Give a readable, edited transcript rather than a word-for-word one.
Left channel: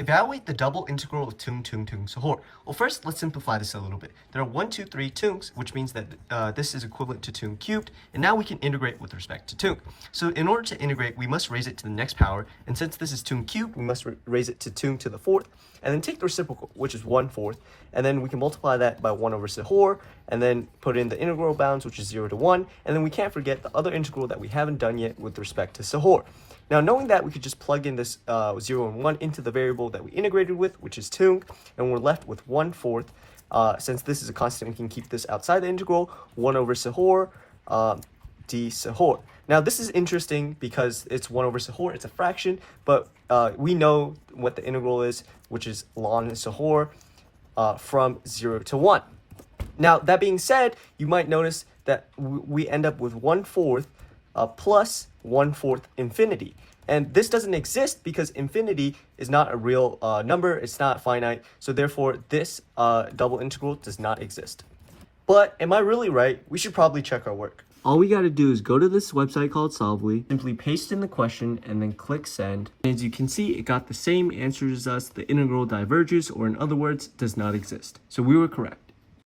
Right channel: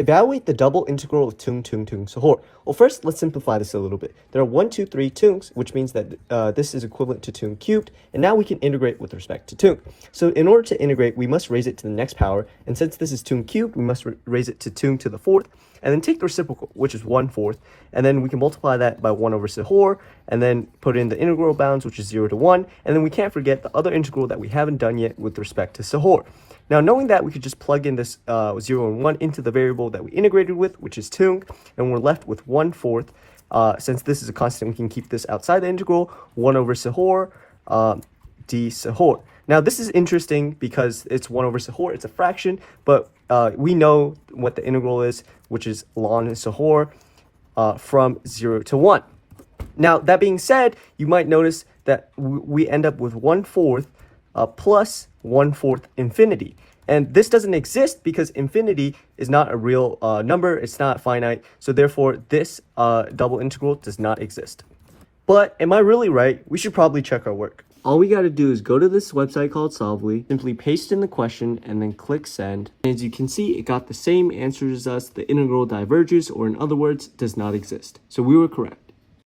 Evaluate the double integral of tung sahur. Well, first, let's simplify this a little bit. There are 1, 2, 3 tungs, which means that this is equivalent to tung cubed, and now we can integrate with respect to tung. So in order to integrate, we must raise it to the next power, and since this is tung cubed, we must raise it to tung to the fourth, and then take the reciprocal, which is 1/4, and then we can multiply that by 1 over sahur, and then put in the integral bounds, which is 0 to 1, and then we can't forget the other integral that we haven't done yet with respect to sahur. Now, knowing that, we could just plug in this 0 and 1 into the variable that we integrated with, which is tung, and we're left with 1/4. Since this is a constant, we can keep this outside the integral, 1 over sahur, d sahur. Now, this is interesting because it's 1 over sahur, it's a fraction, but we know what the integral is, which is ln sahur from 0 to 1. Now, that being said, you might notice that we end up with 1/4 plus 1/4 infinity. And this doesn't exist because infinity is not a real number, it's not finite, so therefore this double integral does not exist. But am I really right? We should probably check our work. All we gotta do is go to this website called Solvely, simply paste in the question, and then click send. And as you can see, it got the same answer as us. The integral diverges, or in other words, does not exist. So we were correct.